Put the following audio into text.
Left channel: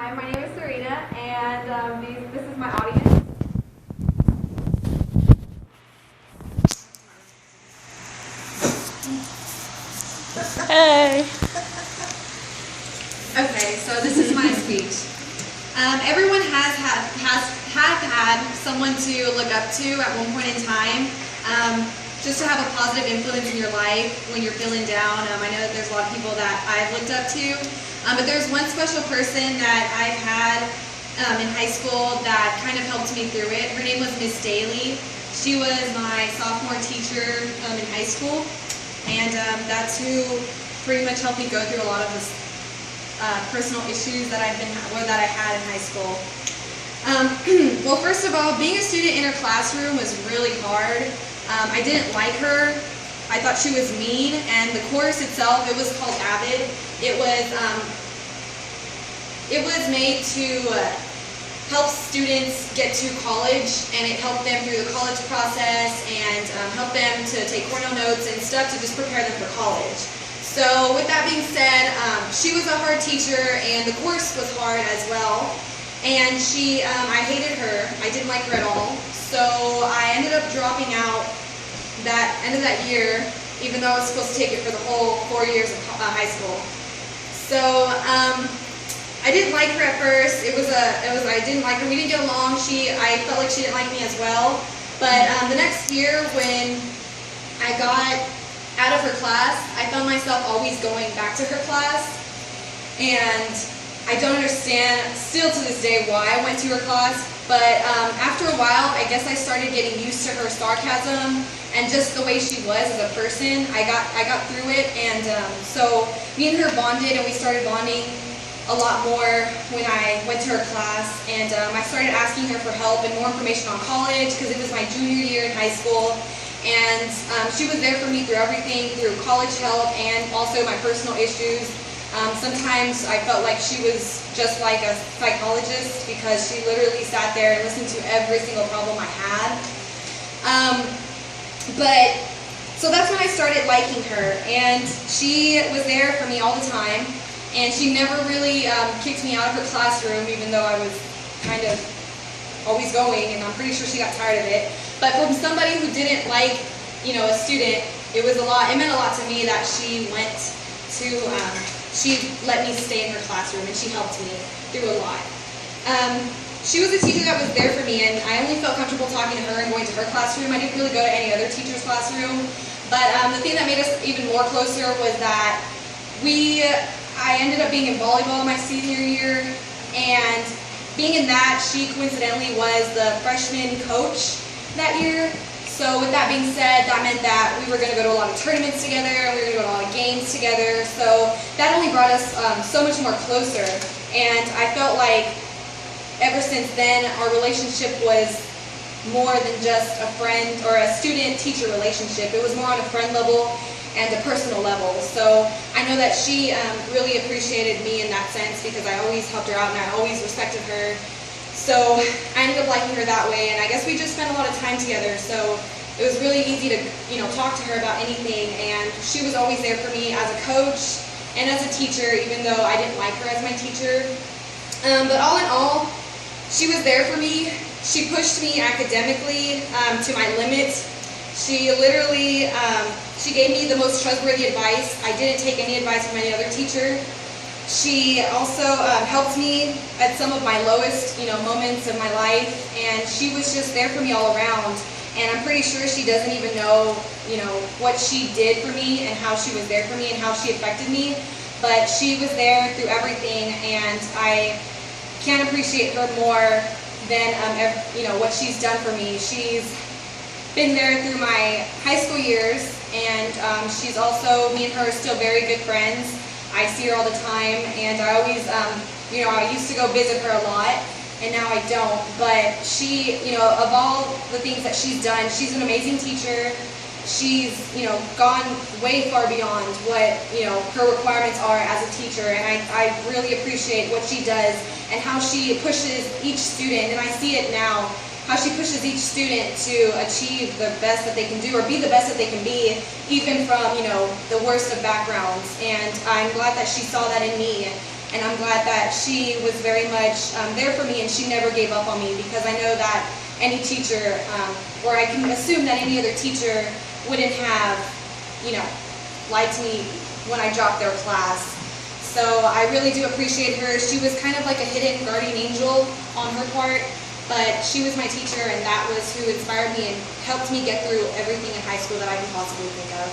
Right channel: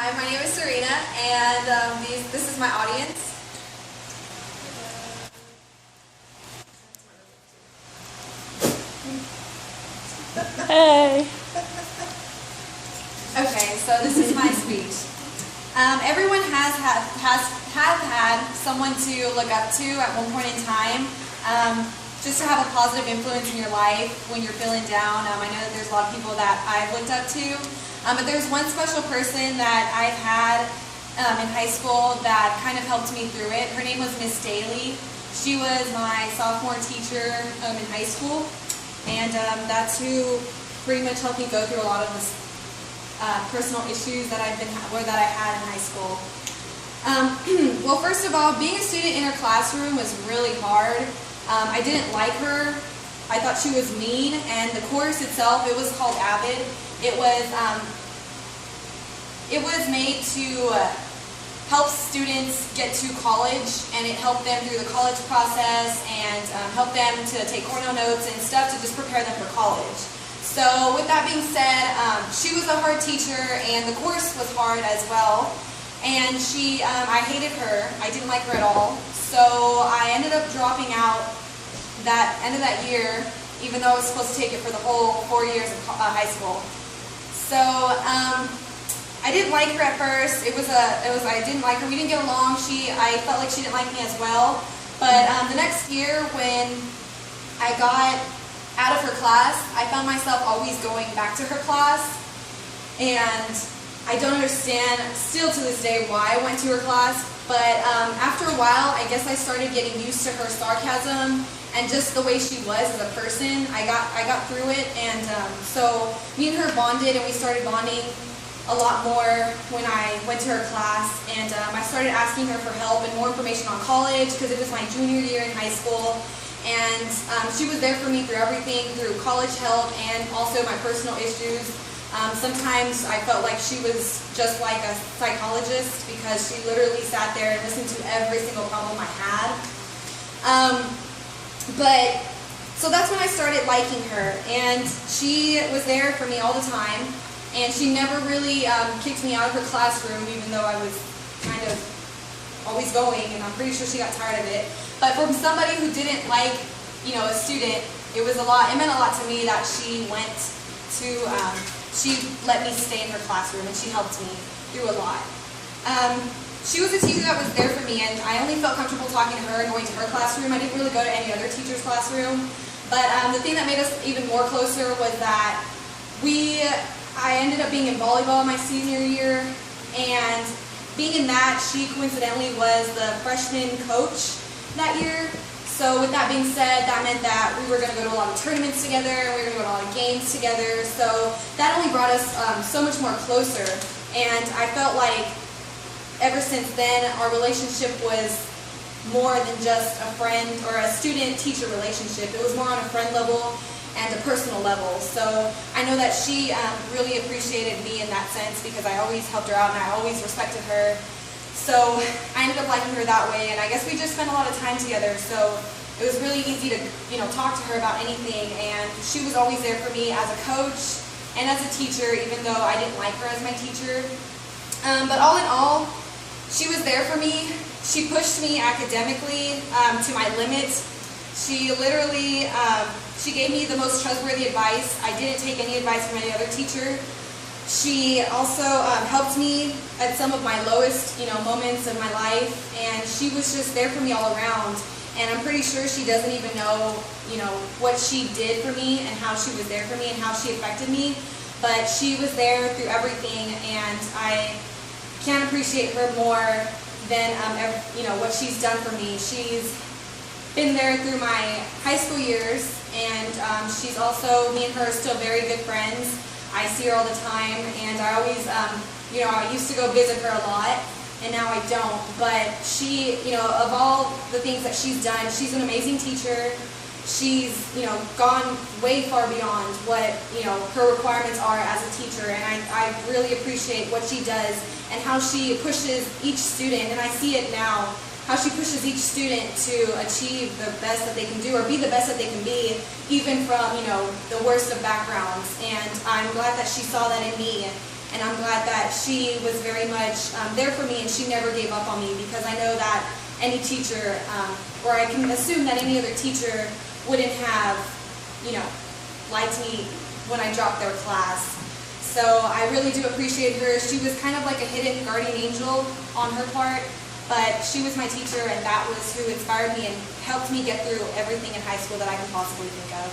Hi, my name is Serena, and this is my audience. Hey. Okay, so this is my speech. Everyone has had someone to look up to at one point in time, just to have a positive influence in your life when you're feeling down. I know that there's a lot of people that I've looked up to, but there's one special person that I've had in high school that kind of helped me through it. Her name was Miss Daly. She was my sophomore teacher in high school, and that's who pretty much helped me go through a lot of this personal issues that I had in high school. Well, first of all, being a student in her classroom was really hard. I didn't like her. I thought she was mean, and the course itself, it was called AVID. It was made to help students get to college, and it helped them through the college process and helped them to take cornell notes and stuff to just prepare them for college. So with that being said, she was a hard teacher, and the course was hard as well. And I hated her. I didn't like her at all. So I ended up dropping out that end of that year, even though I was supposed to take it for the whole 4 years of high school. So I didn't like her at first. I didn't like her. We didn't get along. I felt like she didn't like me as well. But the next year, when I got out of her class, I found myself always going back to her class, and I don't understand still to this day why I went to her class, but after a while, I guess I started getting used to her sarcasm and just the way she was as a person. I got through it, and so me and her bonded, and we started bonding a lot more when I went to her class, and I started asking her for help and more information on college because it was my junior year in high school. And she was there for me through everything, through college help and also my personal issues. Sometimes I felt like she was just like a psychologist because she literally sat there and listened to every single problem I had. So that's when I started liking her, and she was there for me all the time, and she never really kicked me out of her classroom, even though I was kind of always going, and I'm pretty sure she got tired of it. But from somebody who didn't like, a student, it meant a lot to me that she let me stay in her classroom, and she helped me through a lot. She was a teacher that was there for me, and I only felt comfortable talking to her and going to her classroom. I didn't really go to any other teacher's classroom. But the thing that made us even more closer was that I ended up being in volleyball my senior year, and being in that, she coincidentally was the freshman coach that year. So with that being said, that meant that we were going to go to a lot of tournaments together, and we were going to go to a lot of games together. So that only brought us so much more closer. And I felt like ever since then, our relationship was more than just a friend or a student-teacher relationship. It was more on a friend level and a personal level. So I know that she really appreciated me in that sense because I always helped her out and I always respected her. So I ended up liking her that way, and I guess we just spent a lot of time together. So it was really easy to talk to her about anything, and she was always there for me as a coach and as a teacher, even though I didn't like her as my teacher. But all in all, she was there for me. She pushed me academically to my limit. She literally she gave me the most trustworthy advice. I didn't take any advice from any other teacher. She also helped me at some of my lowest, moments of my life, and she was just there for me all around. And I'm pretty sure she doesn't even know, what she did for me and how she was there for me and how she affected me. But she was there through everything, and I can't appreciate her more than what she's done for me. She's been there through my high school years, and she's also, me and her are still very good friends. I see her all the time, and I always, I used to go visit her a lot, and now I don't. But she, of all the things that she's done, she's an amazing teacher. She's, gone way far beyond what, her requirements are as a teacher, and I really appreciate what she does and how she pushes each student, and I see it now, how she pushes each student to achieve the best that they can do or be the best that they can be, even from, the worst of backgrounds. And I'm glad that she saw that in me And I'm glad that she was very much there for me, and she never gave up on me, because I know that any teacher, or I can assume that any other teacher wouldn't have, liked me when I dropped their class. So I really do appreciate her. She was kind of like a hidden guardian angel on her part, but she was my teacher, and that was who inspired me and helped me get through everything in high school that I can possibly think of.